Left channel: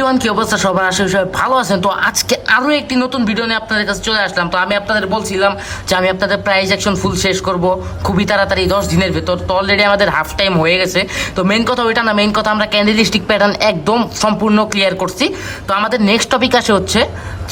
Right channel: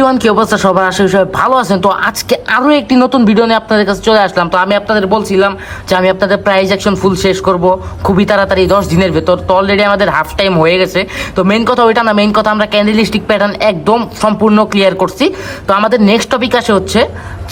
Everyone, কি অবস্থা সবার? আশা করি সবাই ভালো আছেন। তো আজকে আরো একটি নতুন ভিডিও নিয়ে আপনাদের কাছে চলে আসলাম। তো আমি আপনাদের বলছিলাম যে আমি আপনাদের প্রাইস অ্যাকশন ফুল শেষ করব খুবই তাড়াতাড়ি 10 দিনের ভেতর। তো অলরেডি আমাদের হাফ টাইম হয়ে গেছে। তো মেইন কথা ওইটা না, মেইন কথা আমরা ক্যান্ডেলস্টিক প্যাটার্ন একদম সম্পূর্ণ ক্লিয়ার করছি। তো আমাদের নেক্সট টপিক আসে হচ্ছে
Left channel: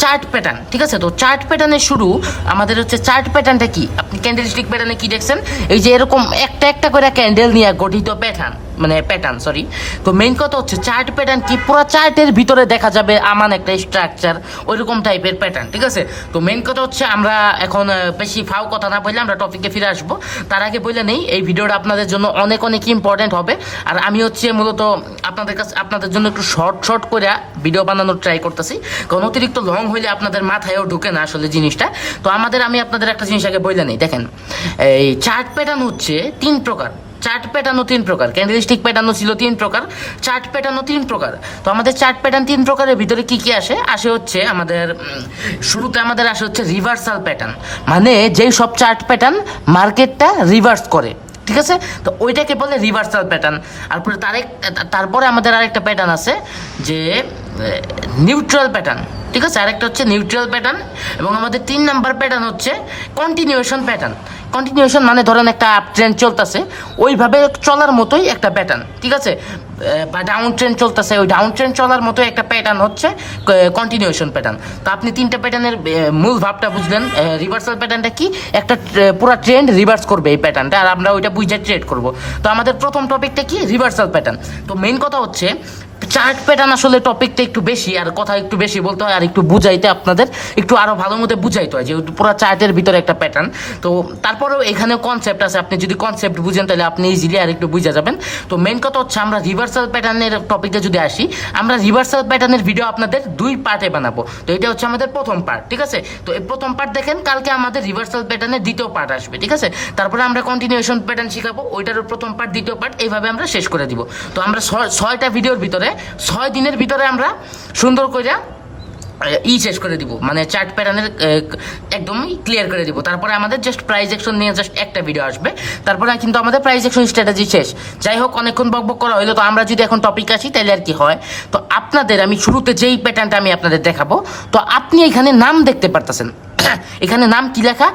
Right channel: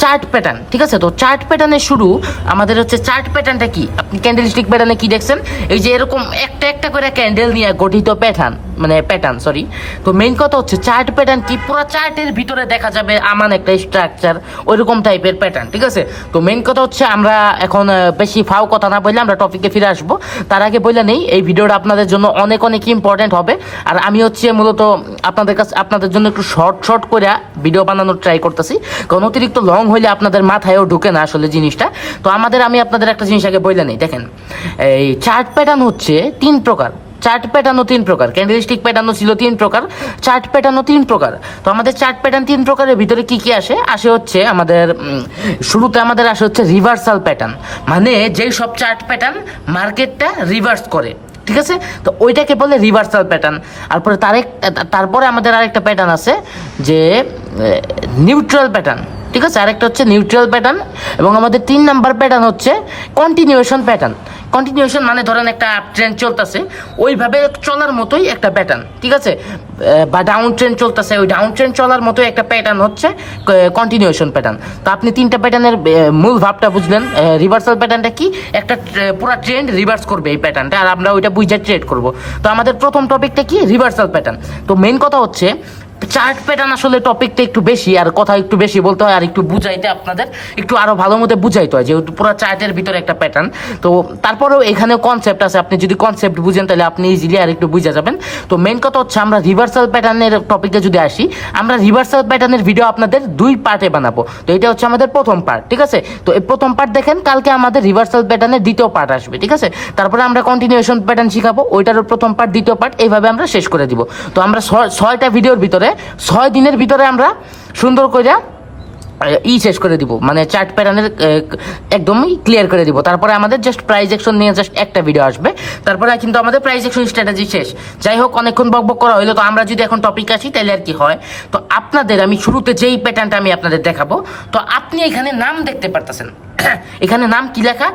চার্ট প্যাটার্ন। ঠিক আছে, তো চার্ট প্যাটার্নের শুরু আমাদের হচ্ছে চার্ট প্যাটার্নটা কি? আপনি ক্যান্ডেলস্টিক প্যাটার্নে কি দেখছেন? এই যে এরকম একটা একটা করে ক্যান্ডেল নিয়ে গঠিত প্যাটার্ন, মানে প্যাটার্ন সরি। তো মেইন কথা হচ্ছে চার্ট প্যাটার্ন কি, পুরো চার্টের ভিতরে দেখা যাবে আমান একটা স্ট্রাকচার, ওইরকম টাইপের প্যাটার্ন। ঠিক আছে, তো মেইন কথা হচ্ছে আমরা এখন বেশি ফাও কথা না বললে আমরা টপিকে ফিরে আসবো। তার আগে বলে নেই, এই ভিডিওটা আপনাদের জন্য অনেক অনেক ইম্পর্টেন্ট হবে। আর আমি হচ্ছে মূলত আপনাদের জন্য একটু শর্ট করে ভিডিও বানানোর ট্রাই করতেছি, কারণ অতিরিক্ত লং হইলে আপনাদের মাথায়ও ঢুকে না আসলে জিনিসটা। তো আমি আপনাদের একটা জিনিস আগে বলে নেই। দেখেন, এই চার্ট প্যাটার্ন হচ্ছে 3 প্রকার। চার্ট প্যাটার্নও 3 প্রকার, ক্যান্ডেলস্টিক প্যাটার্নও ছিল 3 প্রকার, চার্ট প্যাটার্নও 3 প্রকার। তো আমাদের চার্ট প্যাটার্ন 3 প্রকারের ভিতরে কি কি আসে হচ্ছে আমাদের শুরুতে আমাদের আসে হচ্ছে রিভার্সাল প্যাটার্ন, মানে যেই সব চার্ট প্যাটার্ন মার্কেটটা রিভার্স করে। ঠিক আছে, তো ওইটাকে বলে রিভার্সাল প্যাটার্ন। তারপরে আমাদের আরেকটা প্যাটার্ন আছে যে নিউট্রাল প্যাটার্ন। ঠিক আছে, আরেকটা হচ্ছে নিউট্রাল প্যাটার্ন। এবং আমাদের 3 নাম্বার প্যাটার্ন হচ্ছে কন্টিনিউয়েশন প্যাটার্ন। কন্টিনিউয়েশন মানে ধরেন একটা আপ ট্রেন্ড চলতেছে, ওইভাবে চলার মতোই একটা প্যাটার্ন। ঠিক আছে, বা ডাউন ট্রেন্ড চলতেছে, ওই ডাউন ট্রেন্ড চলার মতোই একটা প্যাটার্ন হচ্ছে কন্টিনিউয়েশন প্যাটার্ন। তো আপনি 3টা প্যাটার্নের মূল ভাবটা বুঝলেন। রিভার্সাল প্যাটার্নটা কি? একটা পুরো ট্রেন্ড রিভার্স করবে এই প্যাটার্নটা, আর আমরা ওইটা বুঝে ট্রেড করব। তো আমাদের প্রথম টপিকটা কি? Reversal pattern. তো মেইন কথা হচ্ছে চার্ট প্যাটার্ন আসলে টপিকটা একটু বেশি, আর কথা একটু বেশি বলতে হয়, আর একটু বুঝাইতে আপনাদের একটু আরো ভালো মতো বুঝাইতে হয়, যেহেতু পুরো চার্টের ভিতরে একটা প্যাটার্ন। তো তারপরেও এখানে কনসেপ্ট আছে, আপনি যদি কনসেপ্ট বুঝেন তাহলে আপনি ইজিলি আর একটু বুঝে যাবেন। তো মেইন কথা হচ্ছে আমরা রিভার্সাল প্যাটার্নের টপিকে যদি আসি, আমরা রিভার্সাল প্যাটার্নের ভিডিও আপনাদের 2 পার্টে বানাবো। তো এটা হচ্ছে আমাদের প্রথম পার্ট। ঠিক আছে, তো এই প্রথম পার্ট দেখেন, কালকে আমাদের রিভার্সাল প্যাটার্নের দ্বিতীয় পার্ট আসবে। ঠিক আছে, তারপরে আমরা কন্টিনিউয়েশন প্যাটার্ন শিখাবো, ওইটারও প্রথম পার্ট দ্বিতীয় পার্ট, এইভাবে আমরা শেষ করে দিব। তো আমরা 6টা ভিডিওর ভিতরে 6 দিনের ভিতরে আমরা সুন্দর করে শেষ করে দিব, মানে চার্ট প্যাটার্নের একদমই ক্লিয়ার করে দিব। তারপরে আমাদের জাস্ট প্রাইস অ্যাকশন নিয়ে জাস্ট একটা ভিডিও আসবে, তারপরে কিন্তু আমাদের প্রাইস অ্যাকশন স্ট্র্যাটেজি শেষ। যাই হোক, অনেকক্ষণ বকবক করা হইলো। তো আমরা যদি এখন টপিক আসি তাহলে আর কি হয়, তো আপনাদের আমি শুরুতে যেই প্যাটার্নটা আমি আপনাদের দেখাবো, তো আপনি এখানে নাম দেখতে পারতেছেন। এখানে নাম কি লেখা?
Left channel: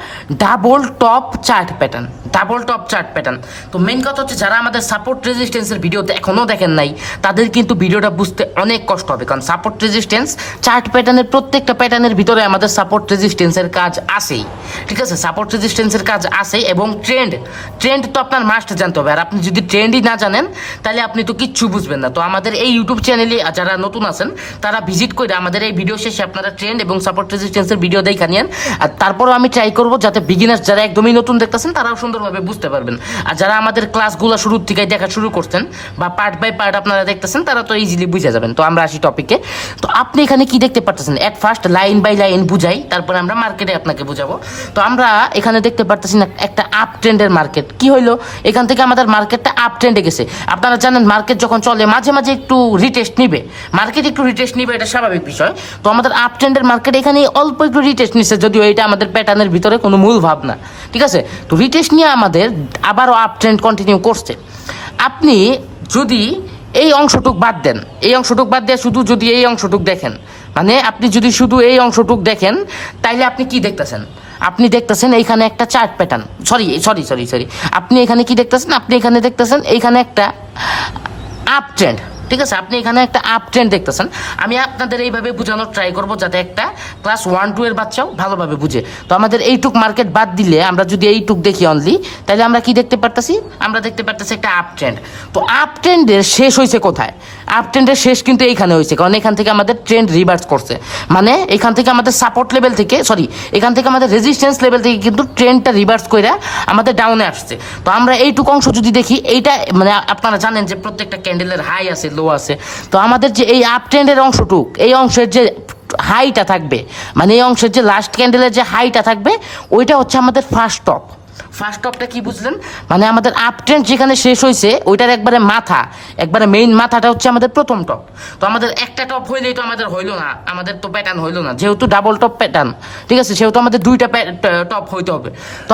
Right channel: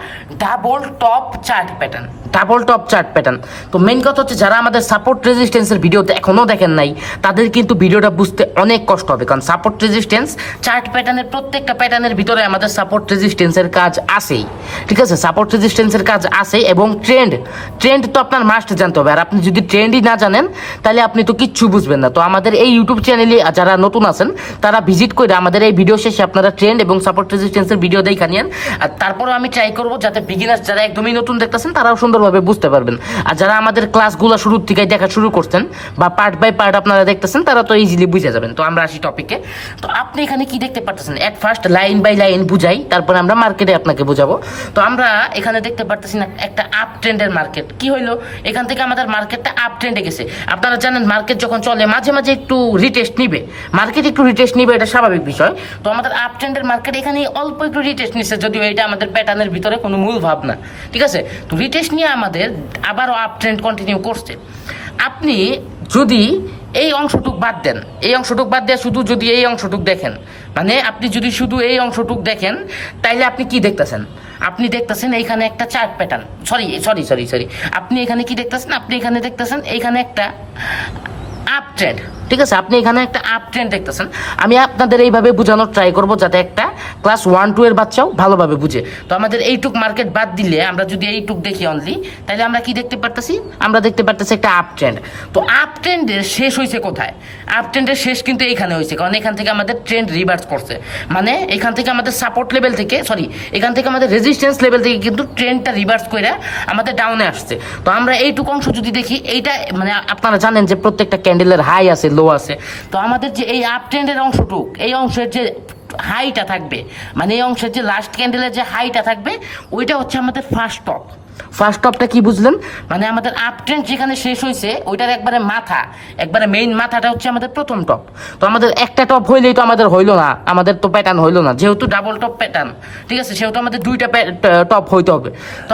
Double top chart pattern. Double top chart pattern. তো মেইন কথা হচ্ছে যারা আমাদের সাপোর্ট রেজিস্ট্যান্সের ভিডিও এখনো দেখেন নাই, তাদের কিন্তু ভিডিওটা বুঝতে অনেক কষ্ট হবে, কারণ সাপোর্ট রেজিস্ট্যান্স চার্ট প্যাটার্নের প্রত্যেকটা প্যাটার্নের ভিতরে আমাদের সাপোর্ট রেজিস্ট্যান্সের কাজ আসেই। ঠিক আছে, সাপোর্ট রেজিস্ট্যান্সের কাজ আসে, এবং ট্রেন্ড তো আপনার মাস্ট জানতে হবে। আর আপনি যদি ট্রেন্ডই না জানেন তাহলে আপনি তো কিচ্ছু বুঝবেন না। তো আমাদের এই ইউটিউব চ্যানেলে যারা নতুন আছেন তারা ভিজিট করে আমাদের এই ভিডিও শেষে আপনারা ট্রেন্ড এবং সাপোর্ট রেজিস্ট্যান্সের ভিডিও দেখা নিন। আর তারপরেও আমি ট্রাই করবো যাতে বিগিনার্স যারা একদমই নতুন দেখতেছেন তারাও সুন্দরভাবে বুঝতে পারবেন। আর যারা আমাদের ক্লাসগুলো শুরুর থেকে দেখা শুরু করছেন বা পার্ট বাই পার্ট আপনারা দেখতেছেন, তারা তো ইজিলি বুঝে যাবেন। তো আমরা আসি টপিকে। তো আপনি এখানে কি দেখতে পারতেছেন? At first line by line বুঝাই, তারপরে আমরা মার্কেটে আপনাকে বুঝাবো। তো আমরা এখানে দেখতে পারতেছি একটা আপ ট্রেন্ডের মার্কেট। কি হইলো? এখান থেকে আমাদের মার্কেটটা আপ ট্রেন্ডে গেছে। আপনারা জানেন মার্কেট যখন চলে মাঝে মাঝে একটু রিটেস্ট নিবে, এটা স্বাভাবিক বিষয়। তো আমাদের আপ ট্রেন্ডের মার্কেট এখানে অল্প একটু রিটেস্ট নিচ্ছে, যদিও এটা আমাদের প্যাটার্নের ভিতরে কোনো মূল ভাবনা। ঠিক আছে, তো রিটেস্ট নিয়ে আমাদের আবারও আপ ট্রেন্ড কন্টিনিউ করছে। আপনি যদি এই অংশটুক বাদ দেন, শুধু যদি এই অংশটুক দেখেন, মানে আপনি যদি শুধু এই অংশটুক দেখেন, তাইলে আপনি কি দেখতেছেন? আপনি দেখতেছেন এইখানে একটা চার্ট প্যাটার্ন, সরি আপনি এখানে কি দেখতেছেন? আপনি এখানে দেখতেছেন এইখানে একটা আপ ট্রেন্ড। ঠিক আছে, আপনি এখানে একটা আপ ট্রেন্ড দেখতেছেন। আমি আপনাদের এইভাবে বোঝানোর ট্রাই করবো যাতে একটা ক্লাস 1-2 এর বাচ্চাও ভালোভাবে বুঝে। তো আমাদের এইটুক মার্কেট বাদ দিলে, আমরা যদি এইটুক দেখি অনলি, তাহলে আমরা কি দেখতে পারতেছি? আমরা দেখতে পারতেছি একটা আপ ট্রেন্ড। তো আপ ট্রেন্ডের শেষ হয়েছে কোথায়? আপ ট্রেন্ডের শেষ কিন্তু এইখানে হয়েছে, কারণ এখান থেকে আমাদের ট্রেন্ড রিভার্স করছে। মানে এখান থেকে আমাদের সাপোর্ট লেভেল থেকে এখান থেকে আমাদের রেজিস্ট্যান্স লেভেল থেকে কিন্তু ট্রেন্ডটা রিভার্স করে আমাদের ডাউনে আসছে। তো আমরা এইটুক অংশ যদি দেখি, এইটা মানে আপনারা জানেন যে প্রত্যেকটা ক্যান্ডেলের হাই আছে, লো আছে। তো আমাদের যে এই আপ ট্রেন্ডের অংশটুক, এই অংশের যে হাইটা থাকবে, মানে এই অংশের যে লাস্ট ক্যান্ডেলের যে হাইটা থাকবে, ওইটা হচ্ছে আমাদের ফার্স্ট টপ। ফার্স্ট টপটা কি বুঝলেন? মানে আমাদের আপ ট্রেন্ড যেখানে শেষ হয়েছে ওইটার একবারে মেইন মাথাটা হচ্ছে আমাদের প্রথম টপ। তো আমাদের একটা টপ হইলেই তো আমাদের হইলো না, আমাদের তো প্যাটার্ন হইলো না, যেহেতু ডাবল টপ প্যাটার্ন। ঠিক আছে, সেহেতু আমাদের 2টা টপ হইতে হবে। তো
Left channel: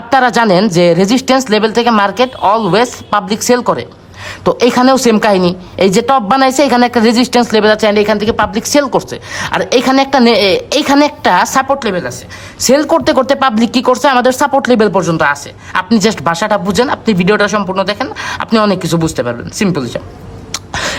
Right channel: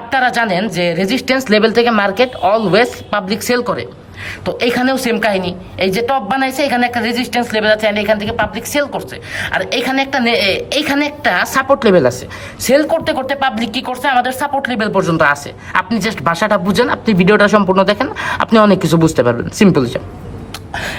আপনারা জানেন যে রেজিস্ট্যান্স লেভেল থেকে মার্কেট অলওয়েজ পাবলিক সেল করে। তো এখানেও সেম কাহিনী, এই যে টপ বানাইছে এখানে একটা রেজিস্ট্যান্স লেভেল আছে এন্ড এখান থেকে পাবলিক সেল করছে, আর এখানে একটা সাপোর্ট লেভেল আছে। সেল করতে করতে পাবলিক কি করছে, আমাদের সাপোর্ট লেভেল পর্যন্ত আছে। আপনি জাস্ট ভাষাটা বুঝেন, আপনি ভিডিওটা সম্পূর্ণ দেখেন, আপনি অনেক কিছু বুঝতে পারবেন। সিম্পল হিসাব,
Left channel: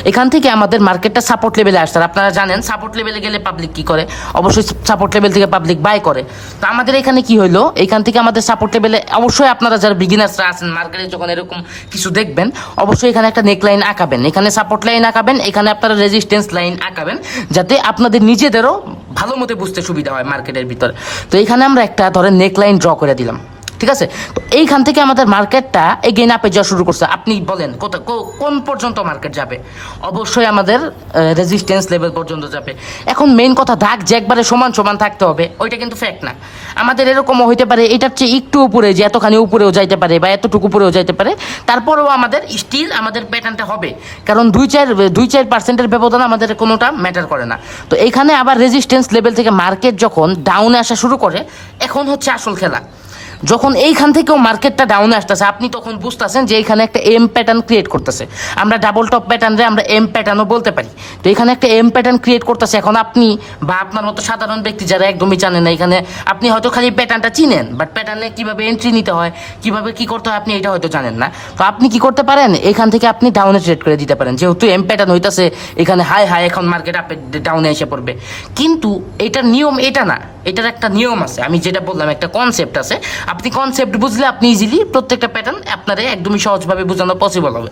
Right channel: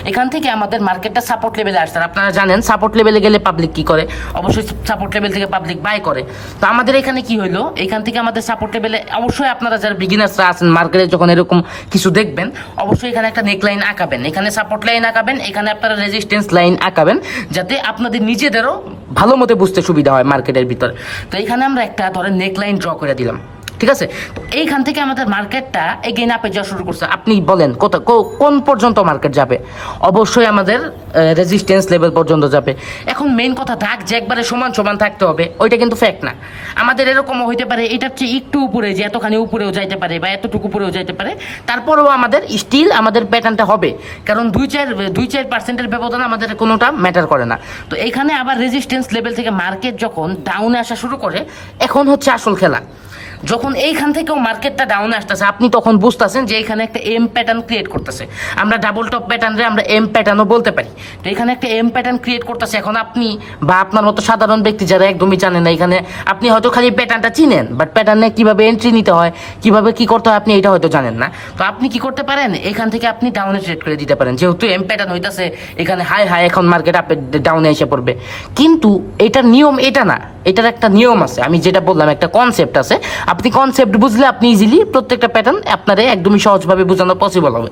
এখান থেকে আমাদের মার্কেটটা সাপোর্ট লেভেলে আসছে। আপনারা জানেন সাপোর্ট লেভেলে গেলে পাবলিক কি করে, অবশ্যই সাপোর্ট লেভেল থেকে পাবলিক বাই করে। তো আমাদের এখানে কি হলো, এখান থেকে আমাদের সাপোর্ট লেভেলে অবশ্যই আপনারা যারা বিগিনার্সরা আছেন মার্কেটে যখন এরকম কিছু দেখবেন, অবশ্যই এখানে একটা নেক লাইন আঁকাবেন, এখানে সাপোর্ট লাইন আঁকাবেন, এখানে আপনারা রেজিস্ট্যান্স লাইন আঁকাবেন, যাতে আপনাদের নিজেদেরও ভালো মতো বুঝতে সুবিধা হয় মার্কেটের ভিতরে। তো এখানে আমরা একটা ধরেন নেক লাইন ড্র করে দিলাম, ঠিক আছে। তো এইখান থেকে আমাদের মার্কেটটা এগেইন আপে যাওয়া শুরু করছে। আপনি বলেন কোন পর্যন্ত মার্কেট যাবে, অবশ্যই আমাদের রেজিস্ট্যান্স লেভেল পর্যন্ত যাবে। এখন মেইন কথা, দাগ যে একবারে সমান সমান থাকতে হবে ওইটা কিন্তু ফ্যাক্ট না। আমাদের এরকমও হইতে পারে এটার চেয়ে একটু উপরে, যে এতখানি উপরেও যাইতে পারে বা এতটুকু উপরেও যাইতে পারে, তারপরেও আমাদের স্টিল আমাদের প্যাটার্নটা হবে, কারণ 2-4% ব্যবধান আমাদের কোনোটা ম্যাটার করে না। তো এইখানে আবার রেজিস্ট্যান্স লেভেল থেকে মার্কেট যখন ডাউনে আসা শুরু করে, এখন হচ্ছে আসল খেলা। যখন এইখান থেকেও মার্কেটটা ডাউনে আসতেছে, আপনি তখন বুঝতেছেন যে এখানে একটা এম প্যাটার্ন ক্রিয়েট করতেছে। আমরা ডাবল টপ প্যাটার্নরে আমরা এম প্যাটার্নও বলতে পারি। তো এখানে একটা এম প্যাটার্ন ক্রিয়েট করতেছে। এখন আপনি বা আপনার মতো সাধারণ ব্যক্তি যারা একদমই জানেন না, এখানে আপনি হয়তো খালি প্যাটার্নটা চিনেন, বাট প্যাটার্নে কিভাবে এন্ট্রি নিতে হয়, কিভাবে কি করতে হয়, আপনি এটা হয়তো জানেন না। তো আপনি কি করতে পারেন, এখান থেকে আপনি ডাউনে ট্রেড করে দিতে পারেন, যেহেতু এম প্যাটার্ন হইতাছে এখানে হাই এখন মার্কেট আপে ডাউনে এসে পড়বে। কিন্তু এটার নিয়ম এটা না, এটার একটা নিয়ম আছে। আমি যেটা বললাম একটা কনসেপ্ট আছে, আপনি কনসেপ্ট বুঝলে আপনি ইজিলি প্রত্যেকটা প্যাটার্ন আপনারা একদমই সহজভাবে বোঝানো পসিবল হবে।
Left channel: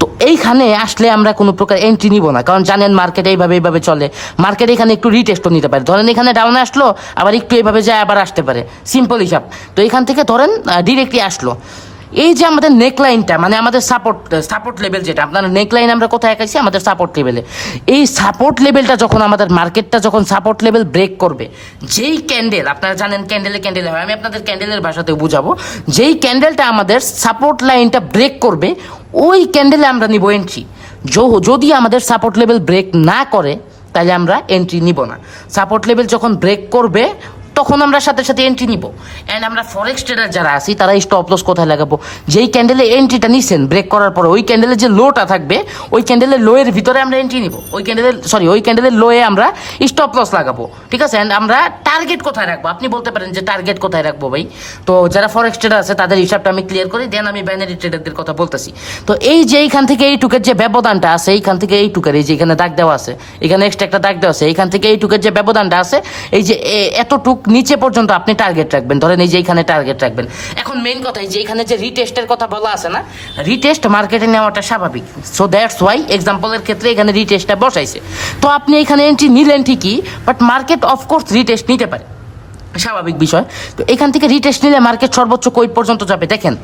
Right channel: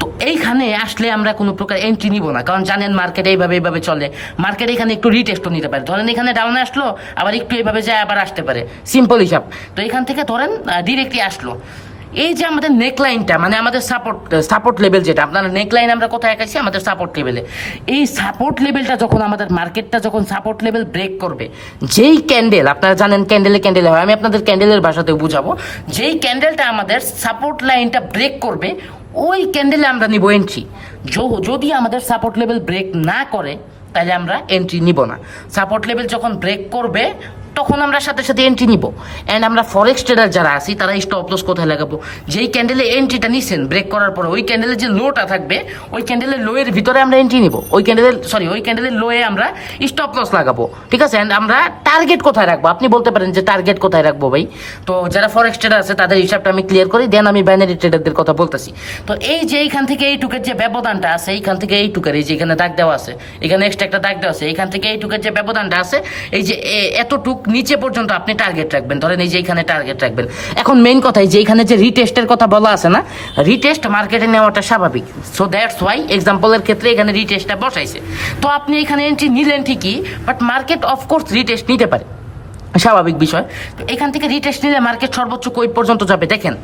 তো এইখানে আসলে আমরা কোনো প্রকার এন্ট্রি নিব না, কারণ জানেন মার্কেট এইভাবে চলে। মার্কেট এখানে একটু রিটেস্টও নিতে পারে, ধরেন এখানে ডাউনে আসলো আবার একটু এইভাবে যায় আবার আসতে পারে, সিম্পল হিসাব। তো এখান থেকে ধরেন ডিরেক্টলি আসলো, এই যে আমাদের নেকলাইনটা মানে আমাদের সাপোর্ট লেভেল, যেটা আপনার নেকলাইন আমরা কোথায় এঁকেছি, আমাদের সাপোর্ট লেভেলে। এই সাপোর্ট লেভেলটা যখন আমাদের মার্কেটটা যখন সাপোর্ট লেভেল ব্রেক করবে, যেই ক্যান্ডেল, আপনারা জানেন ক্যান্ডেল হয়, আমি আপনাদের ক্যান্ডেলের ভাষাতেও বুঝাবো, যেই ক্যান্ডেলটা আমাদের সাপোর্ট লাইনটা ব্রেক করবে, ওই ক্যান্ডেলে আমরা নিব এন্ট্রি। যদি আমাদের সাপোর্ট লেভেল ব্রেক না করে তাহলে আমরা এন্ট্রি নিব না। সাপোর্ট লেভেল যখন ব্রেক করবে তখন আমরা সাথে সাথে এন্ট্রি নিব। অ্যান্ড আমরা ফরেক্স ট্রেডার যারা আছি তারা স্টপ লস কোথায় লাগাবো, যেই ক্যান্ডেলে এন্ট্রিটা নিচ্ছেন ব্রেক করার পরে ওই ক্যান্ডেলের যে লোটা থাকবে, ওই ক্যান্ডেলের লোয়ের ভিতরে আমরা এন্ট্রি নিব, ওই ক্যান্ডেলের লোয়ে আমরা স্টপ লস লাগাবো, ঠিক আছে। অ্যান্ড আমরা টার্গেট কোথায় রাখবো, আপনি বলতে পারেন যে টার্গেট কোথায় রাখবো ভাই। তো যারা ফরেক্স ট্রেডার আছে তাদের হিসাবটা আমি ক্লিয়ার করি, দেন আমি বাইনারি ট্রেডারদের কথা বলতেছি। তো এই যে এইখান থেকে এইটুকের যে ব্যবধানটা আছে, এইখান থেকে এইটুকের, এই যে এখানে দাগ দেওয়া আছে, এখানে এক্সট্রা একটা দাগ দেওয়া আছে, এইখান থেকে এইটুকের যে ব্যবধানটা আছে, এই যে এতটুক নিচে পর্যন্ত আপনি টার্গেট রাখবেন, ধরেন এই যে এখানে টার্গেট রাখবেন। এখন মেইন কথা, যে এখানে যে রিটেস্টের কথা বলা আছে না, রিটেস্ট মার্কেটে নেওয়াটা স্বাভাবিক। সো দ্যাটস ওয়াই এক্সাম্পলের ক্ষেত্রে এখানে রিটেস্টটা বসাইছে। তো আপনি এখানে এন্ট্রি নিলেন ঠিকই, বাট মার্কেট অফকোর্স রিটেস্ট নিতে পারে, স্বাভাবিক বিষয়। তো এখান থেকে রিটেস্ট নিলে মার্কেট সর্বোচ্চ কই পর্যন্ত যাবে দেখেন,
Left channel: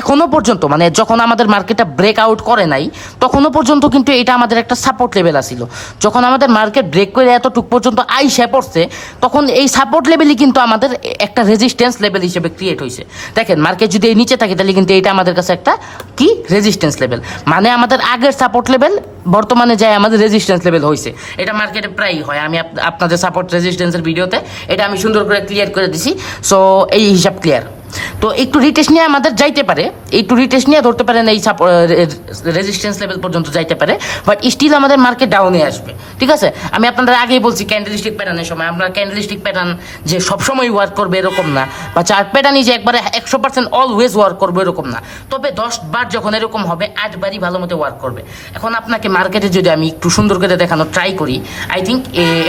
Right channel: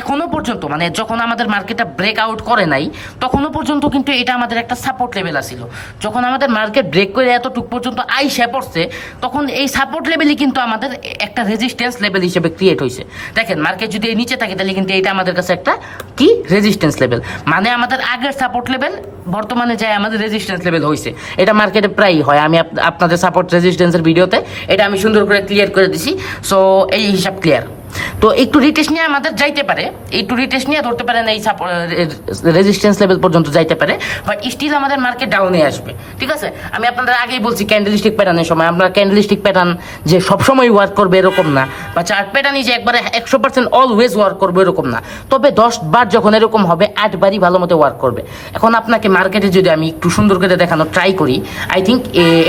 এখনো পর্যন্ত মানে যখন আমাদের মার্কেটটা ব্রেক আউট করে নাই তখনও পর্যন্ত কিন্তু এটা আমাদের একটা সাপোর্ট লেভেল আসছিল। যখন আমাদের মার্কেট ব্রেক করে এতটুক পর্যন্ত আইসা পড়ছে, তখন এই সাপোর্ট লেভেলই কিন্তু আমাদের একটা রেজিস্ট্যান্স লেভেল হিসেবে ক্রিয়েট হয়েছে। দেখেন মার্কেট যদি এই নিচে থাকে তাহলে কিন্তু এটা আমাদের কাছে একটা কি রেজিস্ট্যান্স লেভেল, মানে আমাদের আগের সাপোর্ট লেভেল বর্তমানে যায় আমাদের রেজিস্ট্যান্স লেভেল হয়েছে। এটা মার্কেটে প্রায়ই হয়, আমি আপনাদের সাপোর্ট রেজিস্ট্যান্সের ভিডিওতে এটা আমি সুন্দর করে ক্লিয়ার করে দিছি। সো এই হিসাব ক্লিয়ার। তো একটু রিটেস্ট নিয়ে আমাদের যাইতে পারে, একটু রিটেস্ট নিয়ে ধরতে পারেন এই রেজিস্ট্যান্স লেভেল পর্যন্ত যাইতে পারে, বাট স্টিল আমাদের মার্কেট ডাউনে আসবে, ঠিক আছে। আমি আপনাদের আগেই বলছি ক্যান্ডেলস্টিক প্যাটার্নের সময়, আমরা ক্যান্ডেলস্টিক প্যাটার্ন যে সবসময় ওয়ার্ক করবে এরকম না, বা চার্ট প্যাটার্নই যে একবারে 100% অলওয়েজ ওয়ার্ক করবে এরকম না, তবে 10 বার যখন এরকম হবে 8 বারই ভালো মতো ওয়ার্ক করবে। এখন আপনাকে মার্কেটে যদি আমি একটু সুন্দর করে দেখানো ট্রাই করি, আই থিঙ্ক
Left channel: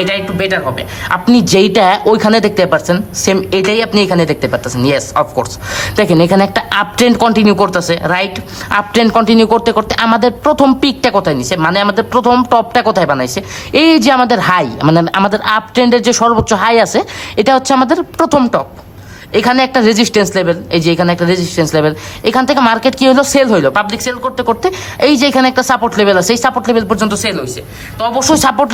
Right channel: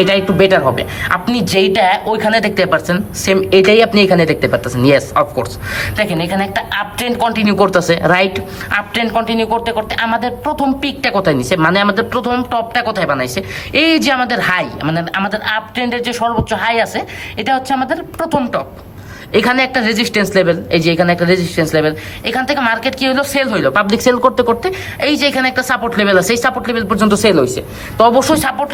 এটা একটু বেটার হবে। আপনি যেইটা ওইখানে দেখতে পাচ্ছেন সেম এটাই আপনি এখানে দেখতে পাচ্ছেন। Yes, of course. দেখেন এখানে একটা আপ ট্রেন্ড কন্টিনিউ করতেছে, রাইট। আপ ট্রেন্ড কন্টিনিউ করতে করতে আমাদের প্রথম পিকটা কোথায় নিছে, মানে আমাদের প্রথম টপটা কোথায় বানাইছে, এই যে আমাদের হাই, মানে আমাদের আপ ট্রেন্ডের যে সর্বোচ্চ হাই আছে, এটা হচ্ছে আমাদের প্রথম টপ। এখানে একটা রেজিস্ট্যান্স লেভেল, এই যে এখানে একটা রেজিস্ট্যান্স লেভেল, এখান থেকে মার্কেট কি হলো, সেল হইলো, পাবলিক সেল করতে করতে এই যে এখানে একটা সাপোর্ট লেভেল আছে, এই সাপোর্ট লেভেল পর্যন্ত সেল হয়েছে। তো অবশ্যই সাপোর্ট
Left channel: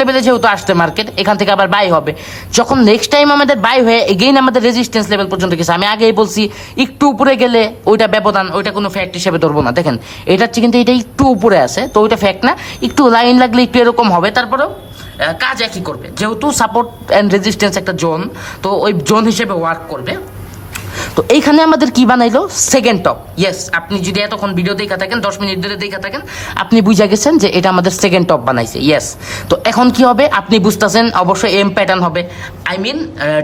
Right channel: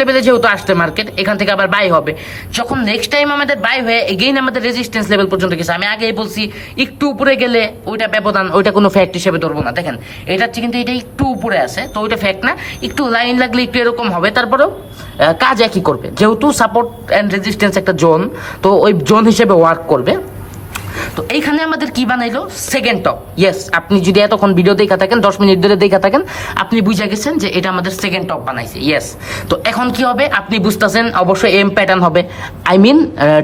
লেভেলে যেহেতু আসছে মার্কেট, এখান থেকে আবার বাই হবে। যখন নেক্সট টাইম আমাদের বাই হয়ে এগেইন আমাদের রেজিস্ট্যান্স লেভেল পর্যন্ত গেছে, আমি আগেই বলছি একটু উপরে গেলে ওইটা ব্যবধান, ওইটা কোনো ফ্যাক্ট হিসেবে ধরবো না। দেখেন এটা হচ্ছে কিন্তু এটা একটু উপরে আছে, তো ওইটা ফ্যাক্ট না, একটু লাইন লাগলে একটু এরকম হবে, তারপরেও কাজ একই করবে, যেহেতু সাপোর্ট অ্যান্ড রেজিস্ট্যান্স একটা জোন, তো ওই জোন হিসেবে ওয়ার্ক করবে। তো এইখানে আমাদের কি বানাইলো সেকেন্ড টপ। ইয়েস, আপনি যদি এতক্ষণ ভিডিও দেখা থাকেন 10 মিনিট ধরে দেখা থাকেন, আপনি বুঝে গেছেন যে এটা আমাদের সেকেন্ড টপ বানাইছে। ইয়েস, তো এখন কি হবে আপনি বুঝতেছেন, অবশ্যই এম প্যাটার্ন হবে, I mean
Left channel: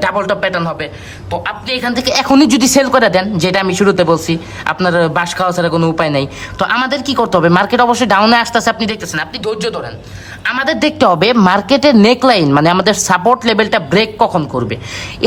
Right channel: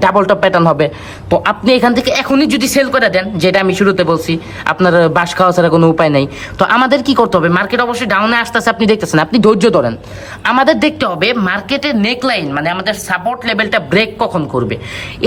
double top pattern হবে। তো আপনি এখান থেকে এখনই যদি সেল করে দেন, যেটা আমি শুরুতে বলছি, আপনার বাস খাওয়া ছাড়া কোনো উপায় নাই। তো আমাদের কি করতে হবে, মার্কেট অবশ্যই ডাউনে আসতেছে, আপনি দেখতেছেন, আপনি ধৈর্য ধরেন। আমাদের দেখতে হবে মার্কেটের নেকলাইন মানে আমাদের সাপোর্ট লেভেলটা ব্রেক কখন করবে।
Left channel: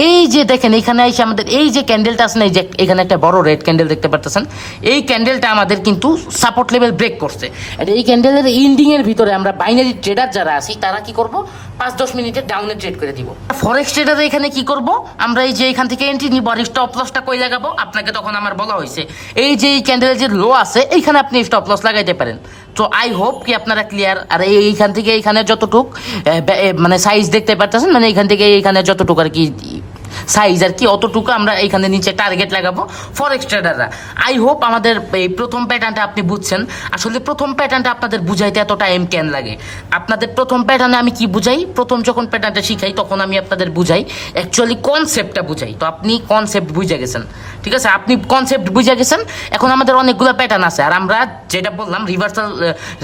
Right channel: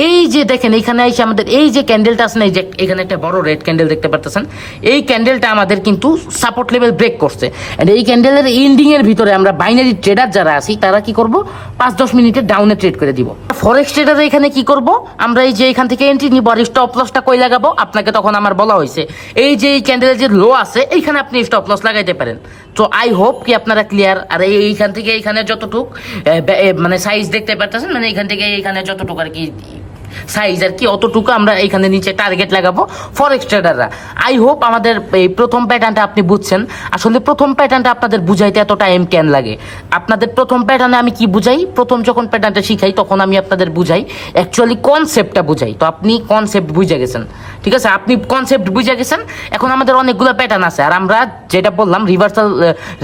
এই যে দেখেন এখানে এসে আমাদের এই যে ক্যান্ডেলটা আছে না, এই যে এখানে একটা বড় রেড ক্যান্ডেল দেখতে পাচ্ছেন, এই ক্যান্ডেলটা আমাদের কিন্তু সাপোর্ট লেভেল ব্রেক করছে। এন্ড এই ক্যান্ডেলের এন্ডিং এর ভিতরে আমরা বাইনারি ট্রেডার যারা আছি তারা কি করব, 5-10 মিনিটের ডাউনে ট্রেড করে দিব। ফরেক্স ট্রেডার এখানে কি করব, আমরা এই যে এখান থেকে এন্ট্রি নিব আর স্টপ লসটা কই লাগাবো, আপনাকে তখন আমার বলা হয়েছে এই যে এই ক্যান্ডেলের যে লো আছে এইখানে আপনি স্টপ লস লাগাইতে পারেন। তো আই হোপ কি আপনারা ক্লিয়ার। আর এইখান থেকে এইখানে যতটুক মানে সাইজ দেখতে পাচ্ছেন, মানে এইখান থেকে এইখানে যতটুকু আর কি সাইজ আর কি, অতটুকু আমরা এইখানে নিচে টার্গেট লাগাবো ফরেক্স ট্রেডাররা। আই হোপ আমাদের এই প্রথম প্যাটার্নটা আপনি বুঝছেন। আসলে প্রথম প্যাটার্নটা আপনাদের বুঝাইতে এত টাইম কেন লাগে, আপনাদের প্রথম প্যাটার্নে আমি কি বুঝাই, প্রথম যখন প্যাটার্নটা শিখাই তখন আমি আপনাদের বুঝাই অ্যাকচুয়ালি কনসেপ্টটা বুঝাই। তো আপনি কনসেপ্ট বুঝে গেছেন, ঠিক আছে, আপনি কনসেপ্ট বুঝে গেছেন। এখন আমাদের অনেকগুলো প্যাটার্ন আছে, আর আমরা যেটা বললাম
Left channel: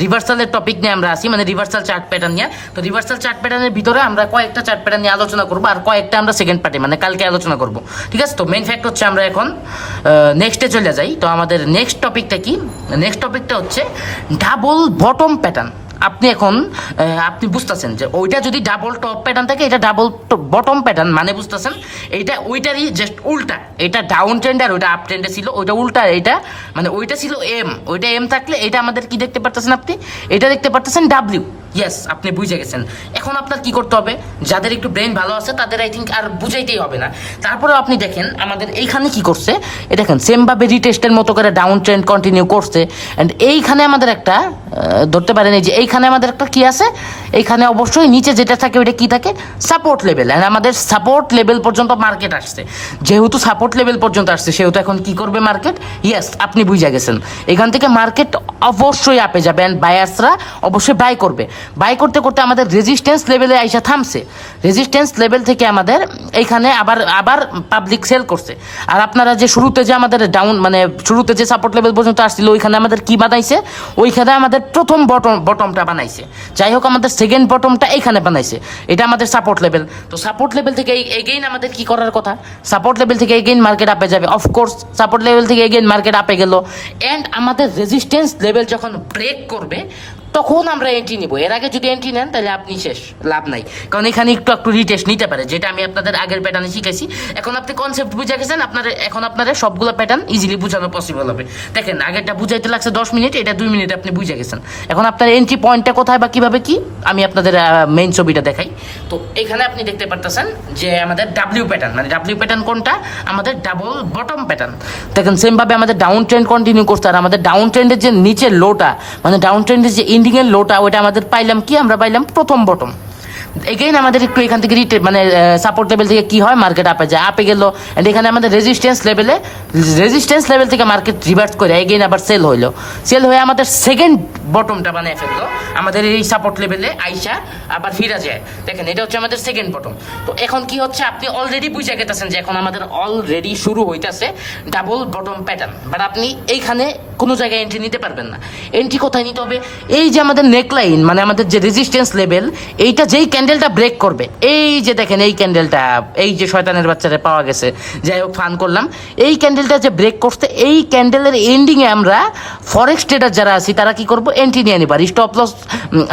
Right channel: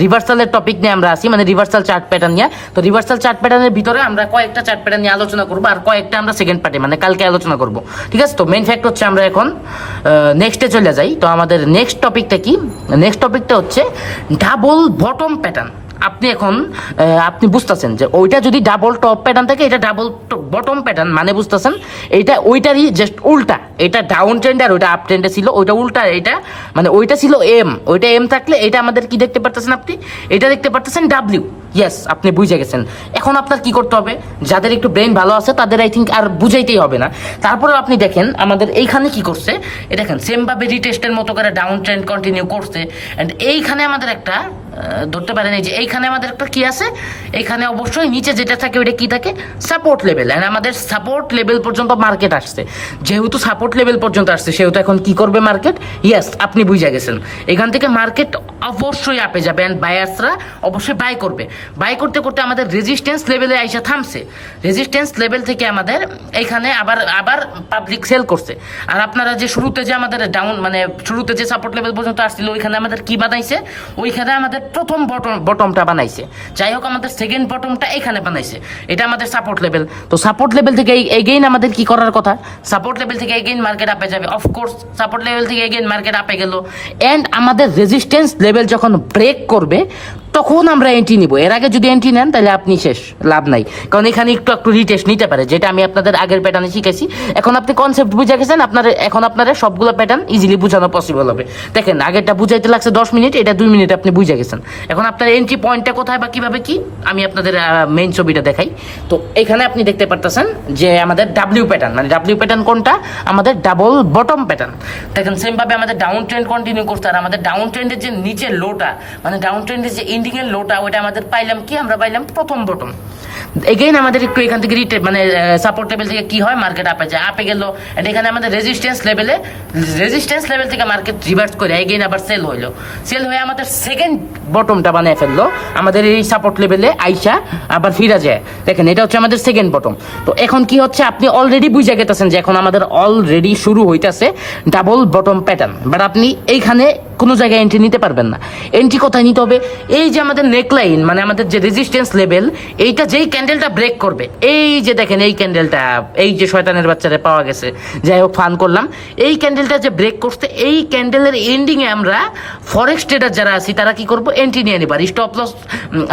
রিভার্সালের টপিক নিয়ে আমরা আসি, মানে রিভার্সাল চার্ট প্যাটার্ন নিয়ে। তো রিভার্সাল চার্ট প্যাটার্নের ভিতরে আমরা কয়েকটা চার্ট প্যাটার্ন নিয়ে আলোচনা করবো, আর কয়েকটা আমরা সেকেন্ড পার্টে মানে কালকে আলোচনা করব, ঠিক আছে। তো মেইন ফ্যাক্ট হচ্ছে আমরা এখন নেক্সটে চলে যাই। তো আমাদের নেক্সট টপিকটা কি, নেক্সট টপিকটা হচ্ছে ডাবল বটম প্যাটার্ন। আপনি এখন আপনি বুঝতেছেন যে ওইটা যদি ডাবল টপ প্যাটার্ন থাকে, এটা ডাবল বটম প্যাটার্ন, মানে বুঝতেছেন এইটা ওইটারই জাস্ট উল্টা। এটা ডাউন ট্রেন্ড আর ওইটা আপ ট্রেন্ডে ছিল, ওইটা উল্টা। এটা মানে ওইটা ছিল এম, ওইটা এম থাকলে এটা আমাদের কি দেখতে পারতেছেন আপনি, এটা দেখতে পারতেছেন ডাব্লিউ। ইয়েস, আপনি বুঝে গেছেন। এখন আপনার কি করতে হবে, যাদের একটু ব্রেন ভালো আছে তাদের আই থিঙ্ক আর বুঝাইতেই হবে না। তারপরে আপনি দেখেন আমাদের এইখানে কি করছে, এ দেখেন সেমভাবে রিটেস্টের মতো করে ডাউন ট্রেন্ড কন্টিনিউ করছে। অ্যান্ড এইখানে আমাদের একটা ধরতে পারেন এই যে এইখানে আমাদের একটা কি আছে, এইখানে অবশ্যই নিচে যেটা থাকে ওইটা কি থাকে, সাপোর্ট লেভেল। অ্যান্ড আমাদের সাপোর্ট লেভেল পর্যন্ত মার্কেট আসছে, যেহেতু সাপোর্ট লেভেল পর্যন্ত আসছে সেহেতু এখন কি করবে মার্কেট, ইয়েস আপনি বুঝে গেছেন। এখান থেকে মার্কেট অবশ্যই আপে যাবে অ্যান্ড বায়ার্সরা অবশ্যই বাই করবে। বাই করতে করতে আমাদের রেজিস্ট্যান্স লেভেলে আইসা থামছে, রেজিস্ট্যান্স লেভেল থেকে আমাদের এইখানে আবার পাবলিক সেল করছে। আর আপনারা যে শুরুতে যে আমাদের ডাউন মানে শুরুতে যে সাপোর্ট লেভেল পর্যন্ত আসছিল ওইখানে আমাদের কি বানাইছে, ওইখানে আমাদের প্রথম বটমটা বানাইছে। যাই হোক আমাদের সেকেন্ড বটমটা এইখানে বানাইছে, এটা আমাদের সাপোর্ট লেভেল। তো সাপোর্ট লেভেল থেকে এগেইন আমাদের কি করার কথা, সাপোর্ট লেভেল থেকে এগেইন মার্কেট আপে যাবে। অফকোর্স সাপোর্ট লেভেল থেকে এগেইন মার্কেট আপে গেল, অ্যান্ড আমাদের রেজিস্ট্যান্স লেভেল যখন ব্রেক করবে তখন আমরা এন্ট্রি নিব। এর আগে যদি এন্ট্রি নেন তাহলে আপনি শেষ, লাভ নাই। কারণ এখানে একটু রিটেস্ট নিতে পারে, যেটা আমি আপনাদের আগের প্যাটার্নে শিখেছি। এখন আপনি কনসেপ্ট বুঝে গেছেন, এখন আপনারা সবগুলো প্যাটার্ন ইজিলি বোঝানো পসিবল হবে। দেখেন আগেরটা বুঝাইতে লাগছে 10 মিনিট, এটা 2 মিনিট আপনি বুঝে গেছেন। এখন আপনার এন্ট্রি পয়েন্টটা কোথায় বা কিভাবে কি আমি আপনাদের মেইন ছবিটা দেখাই। তো এখানে আপনি দেখতে পারতেছেন যে আমাদের ডাব্লিউ প্যাটার্ন, মানে ডাব্লিউ প্যাটার্ন কোনটা, আমাদের ডাবল বটম প্যাটার্ন। দেখেন সেমভাবে আমাদের ডাউন ট্রেন্ড কন্টিনিউ করছে, আর আমাদের ডাউন ট্রেন্ডের যে নিচের লোটা মানে ডাউন ট্রেন্ডের যে এন্ডিং এর লোটা, ওইটা আমাদের পাইলাম কি, আমরা পাইলাম প্রথম বটম। এগেইন আমাদের একটু এখান থেকে মানে সাপোর্ট লেভেল থেকে কি হয়, মার্কেট আপে যায়, আপে গেল। এখানে আমাদের রেজিস্ট্যান্স লেভেল থেকে মার্কেট রিভার্স করে এগেইন আবার সেল হয়ে আমাদের সেকেন্ড বটমটা বানিয়ে ফেললো আমাদের এই সাপোর্ট লেভেলে আইসা আবার ফিরা যায়। দেখেন এটা হচ্ছে আমাদের সেকেন্ড বটম। তো এখন কি হচ্ছে, আপনি অলরেডি বুঝে গেতেছেন যে এখন আমাদের অলরেডি শুরু হইতেছে ডাবল বটম প্যাটার্ন। বাট আপনি এইখানে কোনো জায়গায় এন্ট্রি নিতে পারবেন না। এন্ট্রি কোথায় নিতে হবে, এই যে আমাদের নেকলাইন মানে আমাদের যে রেজিস্ট্যান্স লেভেল, এইটা যেই ক্যান্ডেলটা ব্রেক করবে, এই যে দেখেন এই ক্যান্ডেলটা, এই যে শয়তানের বাচ্চারা পাওয়া গেছে, যাই হোক ফান করলাম, এই ক্যান্ডেলটা যে ব্রেক করতে, এই ক্যান্ডেলের এন্ডিং এ আমরা ফরেক্স ট্রেডার যারা আছি তারা কি করবো, এন্ট্রি নিয়ে নিব। আর স্টপ লস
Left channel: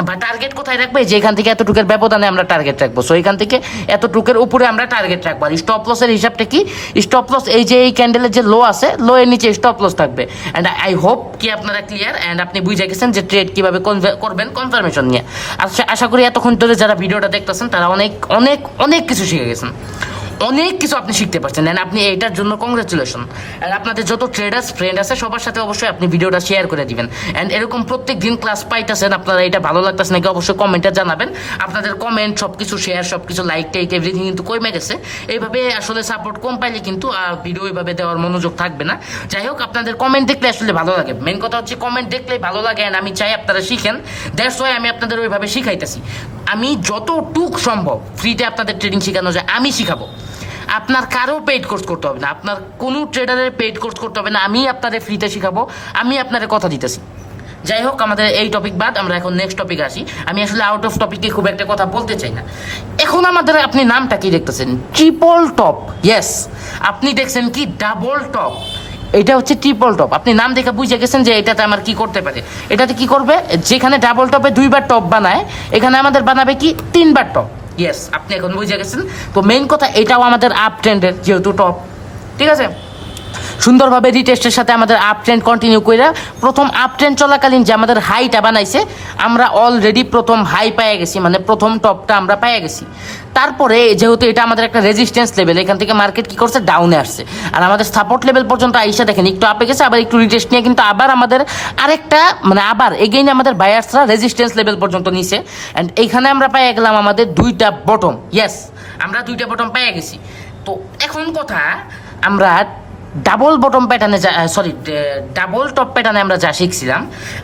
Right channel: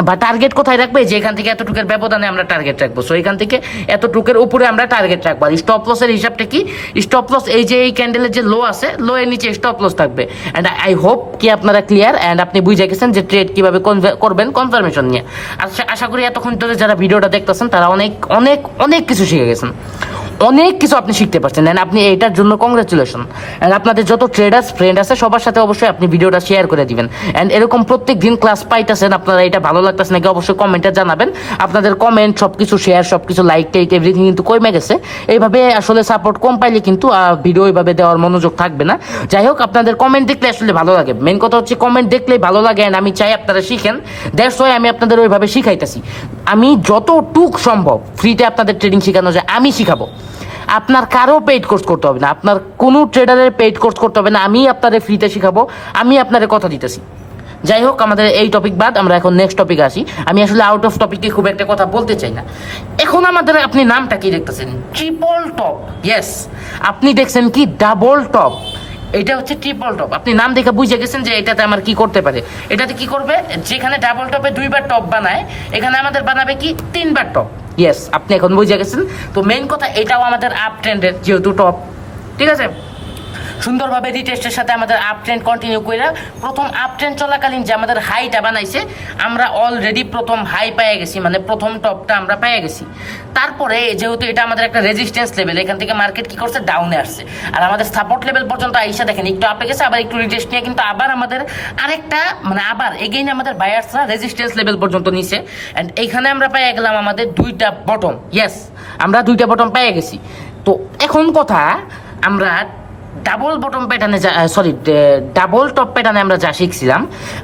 বা টার্গেট কোথায় রাখবে, যে এখান থেকে এতটুকের ব্যবধানে আমরা টার্গেট রাখবো। সো এখান থেকে এতটুকের উপরে আমরা টার্গেট রাখবো। আর স্টপ লসের হিসাবটা কি, স্টপ লস এই যে এই ক্যান্ডেলের যে লো আছে, লো এর নিচে স্টপ লস থাকবে। অ্যান্ড আই হোপ কি আপনারা ক্লিয়ার অ্যান্ড আপনি বুঝে গেছেন যে ট্রেড কিভাবে করবেন কনফার্মেশন নিয়ে। আশা করি এতক্ষণ ধরে যারা ভিডিওটা দেখতেছেন তারা অনেক অনেক অনেক কিছু শিখে গেছেন, অনেক কিছু আপনি শিখতে পারছেন। অ্যান্ড আপনি এটার জন্য কংগ্রেচুলেশন। অ্যান্ড আপনাদের যত ট্রেডার্স ফ্রেন্ড আছে সবার সাথে অবশ্যই আপনি ভিডিওটা শেয়ার করে দিবেন। অ্যান্ড এরকম প্রত্যেক দিন ক্লাস পাইতেছেন, আপনারা এটা ভালো লাগতেছে নাকি অবশ্যই কমেন্টে জানাবেন। আপনাদের কমেন্ট, সবকিছু শেয়ার, সবকিছু লাইক টেক এভরিথিং কিন্তু কমে গেছে। এইভাবে আসলে সাপোর্ট কম পাইলে কিন্তু ভিডিও এইভাবে দেওয়ার মনোযোগ থাকবে না। যাই হোক আপনাদের কমেন্ট দেখলে আসলে ভালো লাগে, মেন কথা হচ্ছে কমেন্ট দেখলেই ভালো লাগে। অ্যান্ড আমি চাই আপনারা শিখেন, দ্যাটস ওয়াই আমি আপনাদের ওইভাবে শিখাইতেছি। আমি যতটুক সম্ভব ফ্রিতে আপনাদের ট্রেডিং শেখানো যায় আমি শিখাবো। আপনার কারো পেইড কোর্স করতে হবে না, আপনার কোনো ট্রেডারের পেইড কোর্স করতে হবে না, আমি আপনাদের ফ্রিতে শিখাবো, আমি আপনাদের কথা দিতেছি। যাই হোক, আমাদের এই টপিক বাদ আমরা এখন নেক্সট টপিক আসি। আমি আসলে আউট অফ টপিকে খুব একটা কথা বলতে চাই না। এখন আমাদের আপনি নামটা কি দেখতেছেন? Triple top. ইয়েস, আপনি দেখছেন কি ডাবল টপ, এটা হচ্ছে ট্রিপল টপ। আপনি নাম দেখে বুঝে গেছেন যে এটাতে আমার কি করতে পারে। এটাতে কি করবে, যেখানে ডাবল টপে 2বার টপ বানায়, এখানে আমাদের বানাবে কি 3বার টপ। ইয়েস, আপনি এখন বুঝে গেছেন। তো মেইন কথা, এটাও আমাদের আপ ট্রেন্ডের যেহেতু টপ, ঠিক আছে। সুন্দরভাবে রিটেস্টের সাথে আমাদের আপ ট্রেন্ড কন্টিনিউ করে প্রথম আপ ট্রেন্ড চলাকালীন যে আমাদের হাইটা বানাইছে, আমরা অলরেডি প্রথম হাই পেয়ে গেছি, মানে প্রথম টপটা আমরা পেয়ে গেছি। তারপরে যেহেতু এটা আমাদের একটা রেজিস্ট্যান্স লেভেল, এখান থেকে মার্কেট কি করছে, ডাউনে আসছে। আর আমাদের সাপোর্ট লেভেল পর্যন্ত আইসা দেখেন একটু আপে গেছে, আবার একটু রিটেস্ট নিয়ে কিন্তু আবার আমাদের আরেকটা মানে আবার এগেইন আমাদের বায়ার্সরা রেজিস্ট্যান্স লেভেল পর্যন্ত নিছে। অ্যান্ড এইখানে আমরা পেয়ে গেলাম আমাদের 2টা বটম। ইয়েস, আমরা 2টা বটম পেয়ে গেছি। তো এখন কথা, আমরা ডাবল বটম প্যাটার্নে ডাবল টপ প্যাটার্নে আমরা যা শিখছিলাম,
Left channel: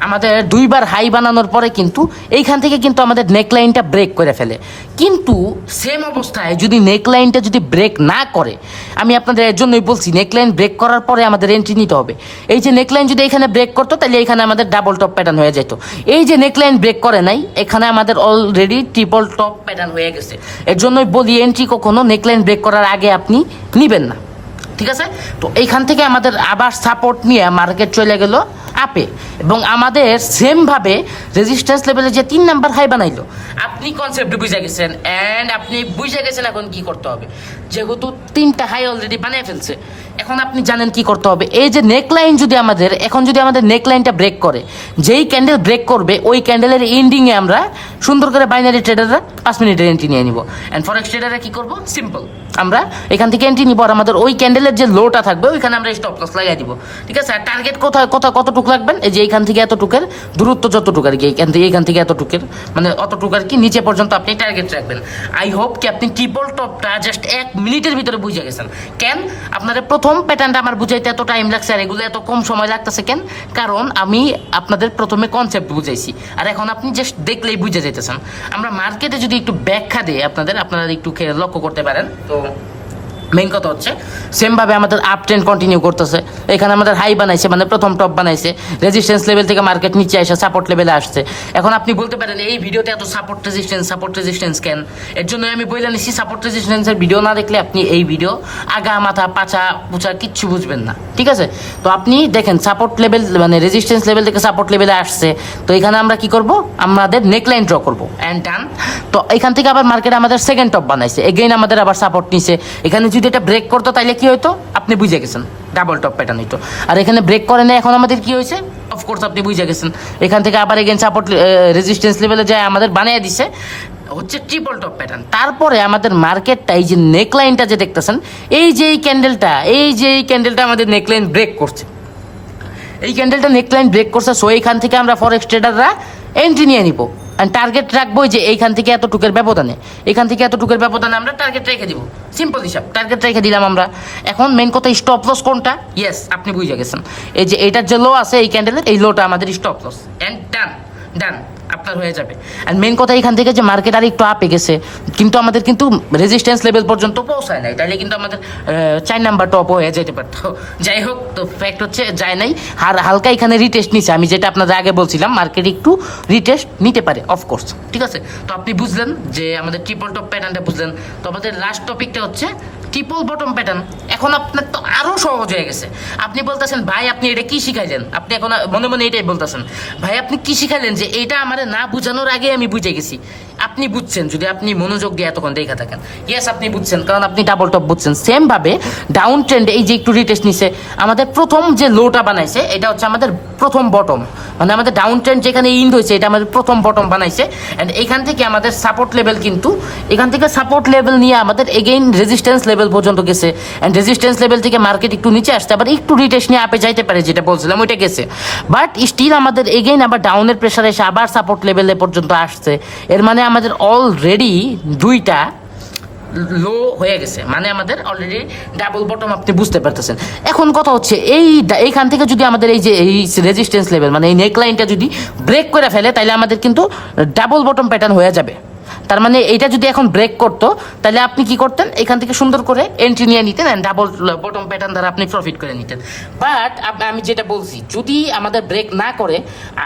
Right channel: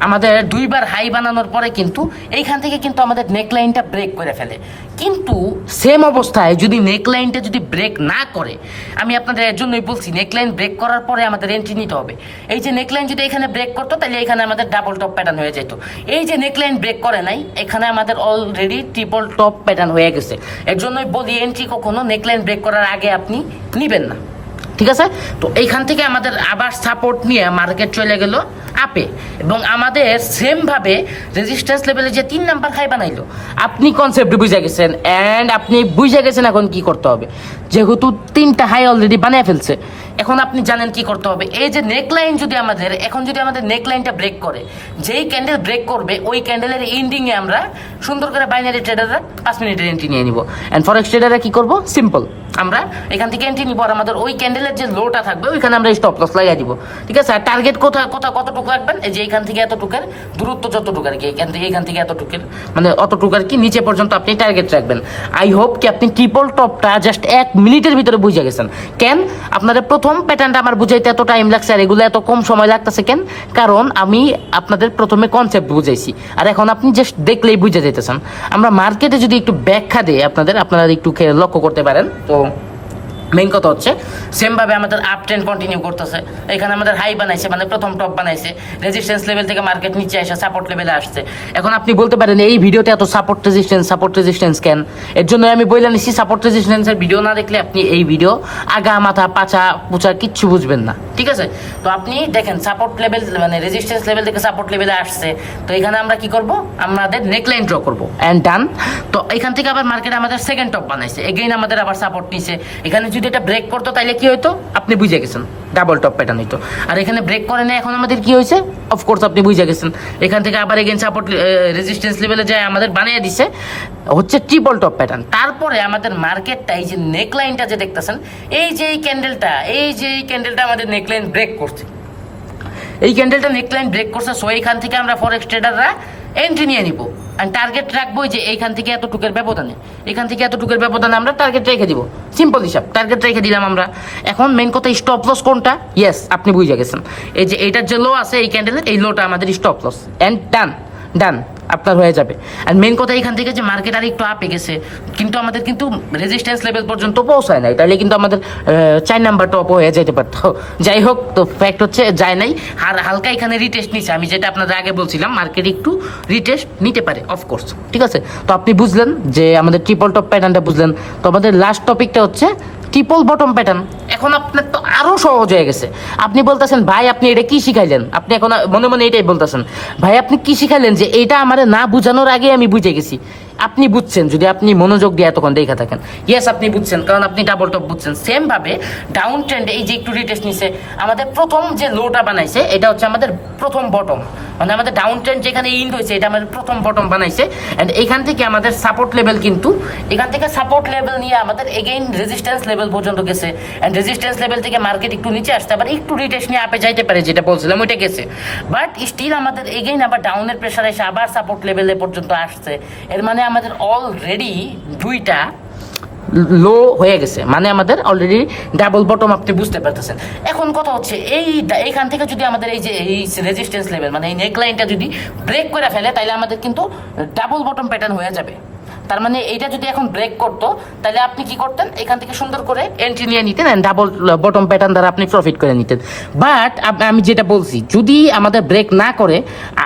আমাদের 2বার হাই বানানোর পরে কিন্তু এইখান থেকে কিন্তু আমাদের নেকলাইনটা ব্রেক করে ফেলে। কিন্তু সেম অবস্থায় যদি নেকলাইনটা যদি ব্রেক না করে, আমি আপনাদের এর জন্যই বলছি নেকলাইন ব্রেক করার পরে আমাদের এন্ট্রি নিতে হবে। এই যে নেকলাইন যদি এখানে ব্রেক করতো, তাহলে এখানে আমাদের ডাবল টপ প্যাটার্ন হয়ে যেত। এই যে নেকলাইন ব্রেক করে নাই, এখানে আমাদের অলরেডি ট্রিপল টপ প্যাটার্ন হয়ে গেছে। এর জন্যই বলি এন্ট্রি কখনো নেকলাইন ব্রেক করার আগে আপনি নিবেন না, ঠিক আছে। তো এইখান থেকে আমাদের আবার সাপোর্ট নিয়ে মার্কেট চলে গেল আপে, এবং আমাদের সেম ভাবে রেজিস্ট্যান্স লেভেলে যে 3 নাম্বার হাই বানাইলো। আপনি কনসেপ্ট বুঝে গেছেন, এন্ড আপনি বুঝে গেছেন এখন কি করতে হবে। যেহেতু 3টা হাই অলরেডি বানিয়ে ফেলছে, এখন আপনি জানেন কি করতে হবে। এই যে নেকলাইন যদি আমাদের এখন যদি আমাদের নেকলাইনটা ব্রেক করে, যেই ক্যান্ডেল ব্রেক করবে ওই ক্যান্ডেলের এন্ডিংয়ে আমরা সুন্দর করে বাইনারি ট্রেডাররা 5 মিনিটের এন্ট্রি নিয়ে নিব। অ্যান্ড ফরেক্স ট্রেডাররা কি করবো, সিম্পল, আমরা এখান থেকে এন্ট্রি নিব, আর আমাদের ওই ক্যান্ডেলের যে লোটা থাকবে ওইখানে আমরা স্টপ লস লাগিয়ে দিব, ঠিক আছে। আর টার্গেট কতটুকু রাখবেন, এই যে এইখান থেকে এতটুকের দূরত্ব যতটুকু আর কি, এখান থেকে এতটুকের মানে অতটুকু আর কি নিচে পর্যন্ত আপনি টার্গেট রাখবেন। আই হোপ কি আপনি ট্রিপল টপটা জাস্ট 1 মিনিটের ভিতরে বুঝে গেছেন। কেন আপনাদের প্রথম প্যাটার্নটা আমার বুঝাইতে এত টাইম লাগছে আর এগুলো এত কম সময় লাগতেছে কেন? কারণ আমি আপনাদের প্রথমে কনসেপ্ট বুঝাইছি, আর এখন আপনি জাস্ট দেখলেই বুঝে যেতেছেন। আমরা মার্কেটে যদি একটু ব্যাখ্যা দিই আপনারা একটু লক্ষ্য করতে পারেন। তো মেইন কথা হচ্ছে সেম ভাবে আমাদের আপ ট্রেন্ড কন্টিনিউ করতেছে। এখানে আমাদের হাই বানাইছে, মানে প্রথম টপ বানাইছে, রেজিস্ট্যান্স লেভেল থেকে মার্কেট নিচে এসে সাপোর্ট লেভেলে আসছে। এখন আপনি বলতে পারেন এই ভিডিওতে এত সাপোর্ট রেজিস্ট্যান্স কেন? এর জন্য আমি বলে নিচ্ছি, সাপোর্ট রেজিস্ট্যান্সের ভিডিও না দেখলে আপনি এই ভিডিও আগা মাথা পাছা পুচা কিচ্ছু বুঝবেন না, ঠিক আছে। তো আপনি দেখেন সাপোর্ট লেভেল মানে রেজিস্ট্যান্স লেভেল থেকে সাপোর্ট লেভেলে আসছে। তো এখানে আমরা কি করব, আমাদের নেকলাইন ড্র করব, অ্যান্ড ডান। তো এখান থেকে আবার মার্কেট আমাদের সেকেন্ড টপ বানাইছে, এগেইন আমাদের আবার সাপোর্ট নিছে। এখানে যদি এটা ব্রেক করতো তাইলে কি হইতো, আপনি বুঝে গেছেন, ডাবল টপ প্যাটার্ন হইতো। আর এখানে ব্রেক করে না, এখন আমাদের কি হয়েছে, অফকোর্স আপনি বুঝে গেছেন। এখান থেকে আবার এগেইন সাপোর্ট রেজিস্ট্যান্স লেভেলে যায় আমাদের বানিয়ে দিছে হচ্ছে ট্রিপল টপ প্যাটার্ন। তারপরে আমাদের মার্কেটটা এই যে নেকলাইনটা যে দেখতেছেন, এই যে এই ক্যান্ডেলটা আমাদের নেকলাইন ব্রেক করছে, এই ক্যান্ডেলটা নেকলাইন ব্রেক করছে। সো এইখান থেকে আমরা ফরেক্স ট্রেডাররা এন্ট্রি নিয়ে নিব, আর টার্গেট রাখবো যে এইখান থেকে এতটুকের ব্যবধানে, আমরা টার্গেট রেখে দিব। সিম্পল হিসাব, টার্গেট রেখে দিলাম আমরা। এখন মেন কথা, স্টপ লস কোনটা? ইয়েস, আপনি বুঝে গেছেন। এই যে এইটার যে লো আছে এই ক্যান্ডেলের, এই লোটা আমাদের স্টপ লস, অ্যান্ড ডান আপনার হয়ে যাবে। আর মেন কথা, এখান থেকে যে মার্কেট আর একটু আপে গেছে, কিন্তু আমাদের কিন্তু রেজিস্ট্যান্স লেভেল পর্যন্ত পৌঁছায় নাই, তাইলে কিন্তু আমাদের 4 নাম্বার টপ হয়ে যেতে পারতো। যাই হোক, তো ফ্যাক্ট হচ্ছে যায় নাই, আর হালকা এখানে রিটেস্ট নিচ্ছে। আমি যেটা আপনাদের আগে বলছিলাম, মার্কেট একটু রিটেস্ট নিতে পারে, অফকোর্স, ঠিক আছে। তো আপনি বুঝলেন যে আমাদের ট্রিপল টপ প্যাটার্নটা বুঝলেন। তো আমাদের লাস্ট টপিকটা হচ্ছে ট্রিপল বটম প্যাটার্ন। এখন আপনার তো আরো সহজ হয়ে গেছে। আপনি বলতেছেন ভাই আপনি এটা কি শিখাইলেন, আপনি এখন মনে মনে এটাই বলতেছেন, ভাই আপনি কি শিখাইলেন যে এটা আমার না বুঝানোর আগে আমি বুঝে গেছি। আপনি বুঝছেন যদি আপনি মনোযোগ দিয়ে এতক্ষণ দেখা থাকেন। ইয়েস, আপনি বুঝছেন, কারণ আপনি ডাবল টপ বুঝছেন। সেম ভাবে ডাউন ট্রেন্ড এই যে একটু রিটেস্ট নিছে, আমাদের প্রথম যে লোটা বানাইছে এটা হচ্ছে আমাদের প্রথম বটম, মানে আমাদের ডাউন ট্রেন্ড যেখানে ইন্ড হয়েছে এটা আমাদের প্রথম বটম বানাইছে। অ্যান্ড এখান থেকে আমাদের সাপোর্ট লেভেল, কিন্তু এখান থেকে সাপোর্ট লেভেল নিয়ে আমাদের এগেইন রেজিস্ট্যান্স লেভেল পর্যন্ত গেছে। অ্যান্ড রেজিস্ট্যান্স লেভেল থেকে মার্কেট একটু নিচে আসতে আবার একটু রিটেস্ট নিয়ে আপে যাইতে পারে, যেটা বলছিলাম ওইটা গেছে। বাট স্টিল আমাদের এগেইন আবার ডাউনের প্রেশারে এসে আবার সাপোর্ট লেভেলে পর্যন্ত আসছে। এর মানে আমাদের অলরেডি 2টা লো হয়ে গেছে, মানে আমাদের অলরেডি ডাবল বটম, আপনি বুঝতে পারতেছেন। এখন কথা হচ্ছে এইখান থেকে যদি আমাদের এই যে এই রেজিস্ট্যান্স লেভেল মানে এই নেকলাইনটা যদি ব্রেক করে ফেলে, তাহলে আমাদের কিন্তু ডাবল বটম প্যাটার্ন হয়ে যাবে। তার মানে এইটা যদি এখন ব্রেক করতো তাহলে আপনি কি করতেন, এখান থেকে সুন্দর করে এন্ট্রি নিয়ে নিতেন এন্ড ডাবল বটম প্যাটার্ন দ্বারা আপনি প্রফিট করে নিতেন। বাট আমি যেটা বলছি, যদি আমাদের ব্রেক না করে,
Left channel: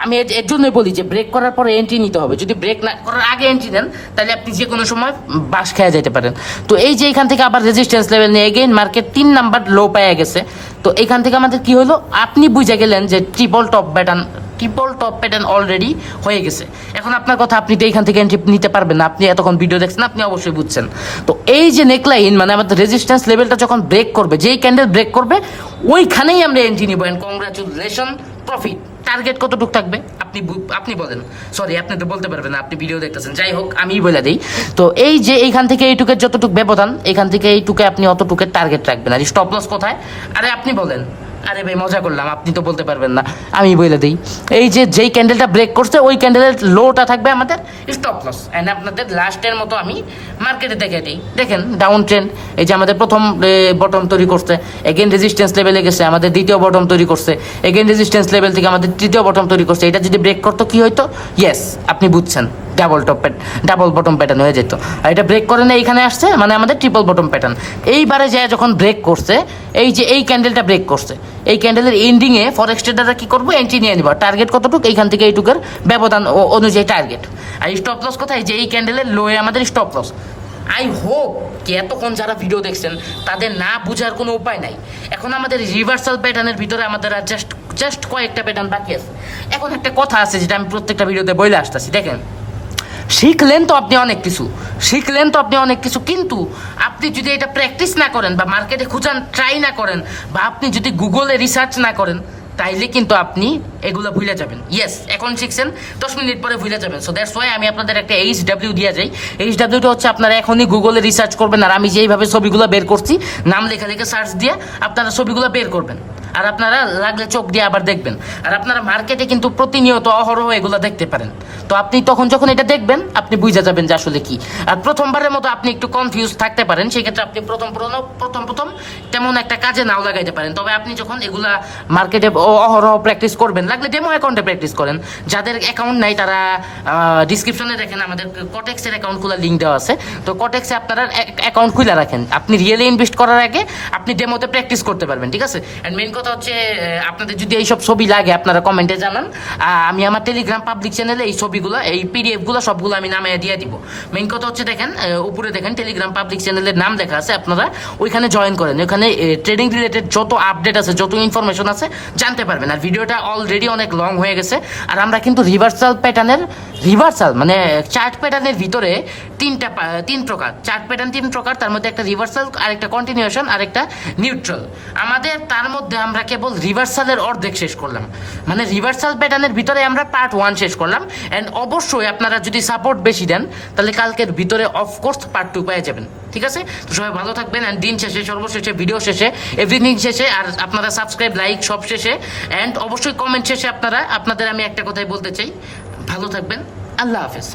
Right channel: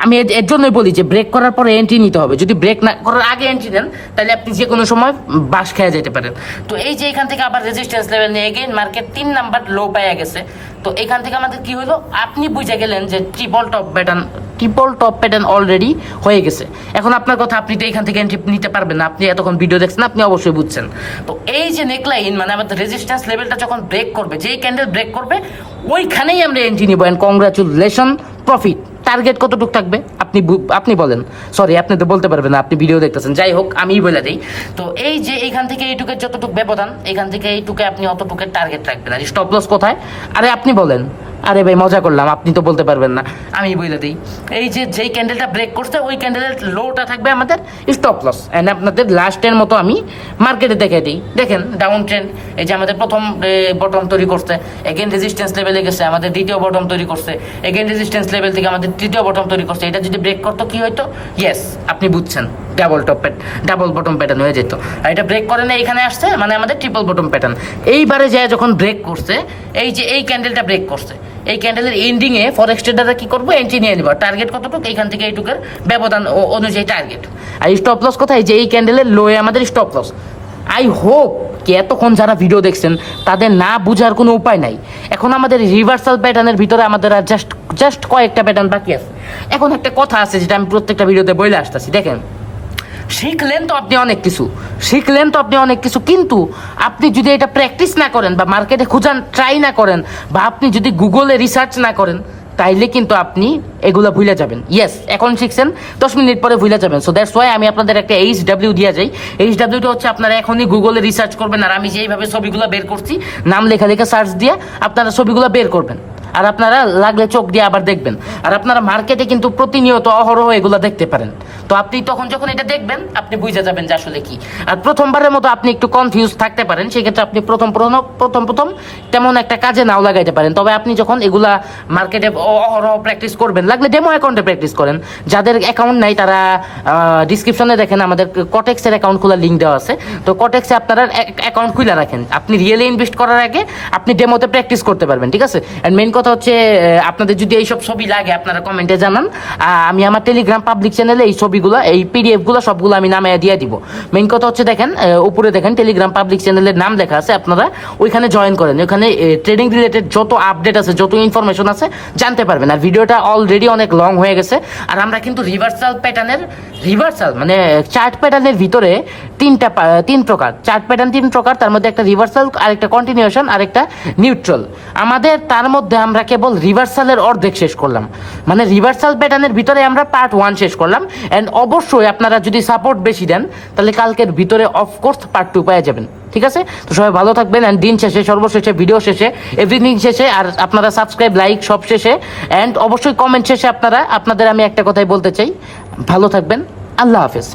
আমি এর জন্যই বলি যে ব্রেক করার পরে এন্ট্রি নিতে হবে। যদি ব্রেক না করার আগে এন্ট্রি দেন তাহলে আপনি যে কোনো সময় বাস খেয়ে যেতে পারেন। তো এই যে এখান থেকে আবার রেজিস্ট্যান্স লেভেল নিয়ে এগেইন মার্কেট 3 নাম্বার লো পেয়ে গেছে। তো এখান থেকে আমাদের কি হলো, আপনি বুঝে গেলেন যে ট্রিপল টপ প্যাটার্ন অলরেডি হয়ে গেছে। এখন আপনার কথা, আপনি তো এখান থেকে এন্ট্রি নিতে পারবেন না, আপনি এতক্ষণ ভিডিও দেখছেন, আপনি অবশ্যই বুঝছেন। তো এই যে নেকলাইন মানে আমাদের রেজিস্ট্যান্স লেভেলটা যখন ব্রেক করবে, যেই ক্যান্ডেল ব্রেক করবে ওইখানেই আমরা এন্ট্রি নিব। And congratulation, profit. টার্গেট কতটুকু থাকবে আপনি বলেন। সরি, আপনি তো বলতে পারবেন না, আপনি ভিডিও দেখতেছেন। যাই হোক, আমিই বলে দিই। তো এই যে এইখান থেকে এইটুকের যতটুকু ব্যবধান, এখান থেকে এইটুকে আপনি অতটুকের টার্গেট রাখবেন। আর স্টপ লস কোথায়? আরে আপনি বলেন। আরে ভাই মজা করলাম, আপনি তো বলতে পারবেন না, আমি বলে দিই। এই যে যেই ক্যান্ডেলটা ব্রেক করছে ওই ক্যান্ডেলের লোটা থাকবে আমাদের স্টপ লস। এন্ড আপনাদের লাস্টের মতো আমি মার্কেটে দেখে দিই। দেখেন ডাউন ট্রেন্ড, এই যে আমাদের প্রথম বটম তৈরি করছে, এগেন রেজিস্ট্যান্স লেভেলে গেছে, আমাদের দ্বিতীয় বটম তৈরি করছে, এগেন রেজিস্ট্যান্স লেভেল থেকে আমাদের তৃতীয় বটম তৈরি করছে। এটা যদি ব্রেক করতো কি হইতো? ইয়েস, আপনি বুঝছেন, ডাবল বটম প্যাটার্ন হয়ে যেত। আর এটা ব্রেক করে না, এখানে আসছে মানে আমাদের ট্রিপল বটম প্যাটার্ন। এইবারে যায় যখন ব্রেক করছে, এই যে এই ক্যান্ডেলটা ব্রেক করছে, এই ক্যান্ডেলের এন্ডিং এ ফরেক্স ট্রেডাররা কি করবো, এন্ট্রি নিয়ে নিব। টার্গেট কতটুকু? এইখান থেকে এইটুকুর ব্যবধান অনুযায়ী টার্গেট। আর স্টপ লস কোথায়? যে এই ক্যান্ডেলের লোয়ে আমাদের স্টপ লস। আই হোপ যে এতক্ষণ যারা ভিডিও দেখছেন তাদের না বুঝার কোনো উপায় নাই। এখন আমাদের রিভার্সাল প্যাটার্নের ভিতরে আমাদের আর জাস্ট কয়েকটা প্যাটার্ন বাকি আছে। এখন একটা কথা আছে যেটা আমি প্রত্যেকটা ভিডিওতে বলে আসতেছি। দেখেন, শিখলেন তো আপনি অনেক কিছু, কিন্তু আপনি যদি এটা প্র্যাকটিস না করেন বা মার্কেটে খুঁজান ট্রাই না করেন বা আপনি যদি গুগলে রিসার্চ না করেন, তাইলে কিন্তু আপনি এগুলো ভুলে যাবেন। ইয়েস, এখন শিখছেন, 10 মিনিট পরে ভুলে যাবেন। সো দ্যাটস ওয়াই আমি আপনাদের একটা HW দিয়ে যাই। HWটা হচ্ছে আপনারা এখনই গুগলে রিসার্চ করবেন, আর আমি যেইভাবে ছবিগুলো বের করছি, নাম লেখা সার্চ দিয়ে আপনারা ছবিগুলো বের করবেন। আর আপনারা লাগলে চোখ দিয়ে আবার দেখবেন। আর আপনারা মার্কেটে কিন্তু প্রতিনিয়ত অহরহ এগুলো দেখতে পারেন। তো আপনি তখন যখন এটা দেখবেন, আপনি বুঝে যাবেন যে আসলে কি। আর প্রথমবারের মতো আপনি একটু কনফিউজ থাকতে পারেন, সেক্ষেত্রে আপনি প্রথম তেমন একটা কাজে নাও লাগাইতে পারেন। তবে আপনি যখন এগুলা মার্কেটে অহরহ প্র্যাকটিস করবেন, লাগলে ডেমো অ্যাকাউন্টে প্র্যাকটিস করেন। যাদের অ্যাকাউন্ট নাই তারা ডিসক্রিপশনে দেখেন, আমাদের কটেক্সের অ্যাকাউন্ট খোলার লিঙ্ক দেওয়া আছে। তো কটেক্সে আপনারা অ্যাকাউন্ট খুলে রাখেন, আপনি রিয়েলি ইনভেস্ট করার আগে আপনি ডেমোতে প্র্যাকটিস করতে পারবেন। ঠিক আছে? এন্ড মেইন কথা হচ্ছে, আপনাদের যদি এইসব ছবি লাগে আপনারা কমেন্টে জানান। আমি আমার টেলিগ্রাম পাবলিক চ্যানেলে এই ছবিগুলো, এই PDF গুলো সবগুলো আমি নামে দিয়ে দিব। মেইন কথা হচ্ছে, দেখেন উপরে দেখেন টেলিগ্রাম পাবলিক চ্যানেলের নাম লেখা আছে, আপনারা ওইখানে জয়েন করেন। ওইখানে ট্রেডিং রিলেটেড যত আপডেট আছে, যত ইনফরমেশন আছে জানতে পারবেন। আর ভিডিওটা অলরেডি অনেক লং হয়ে গেছে। আর আমরা কিন্তু রিভার্সাল মানে চার্ট প্যাটার্নের ভিতরে তিন প্রকার চার্ট প্যাটার্ন, 3 প্রকার। তার মধ্যে একটা রিভার্সাল, আরেকটা কন্টিনিউশন, আরেকটা নিউট্রাল। আমাদের তার মধ্যে আমরা কেবল রিভার্সালের অর্ধেক শেষ করলাম, মানে রিভার্সাল প্যাটার্নের ভিতরে আমরা পার্ট 1 শেষ করলাম। এন্ড অবশ্যই আপনারা যদি সাপোর্ট বেশি দেন, তাহলে কালকের ভিতরে অফকোর্স পার্ট 2 পেয়ে যাবেন। ঠিক আছে? তো সবাই ভালো থাকবেন। এন্ড দিন শেষে, সর্বশেষে, ভিডিও শেষে, এভরিথিং শেষে, আর আপনারা সাবস্ক্রাইব, লাইক সব শেষে, এন্ড অবশ্যই কমেন্ট শেষে আপনাদের আমি একটা কথাই বলতে চাই, ভালো থাকবেন। আল্লাহ হাফেজ।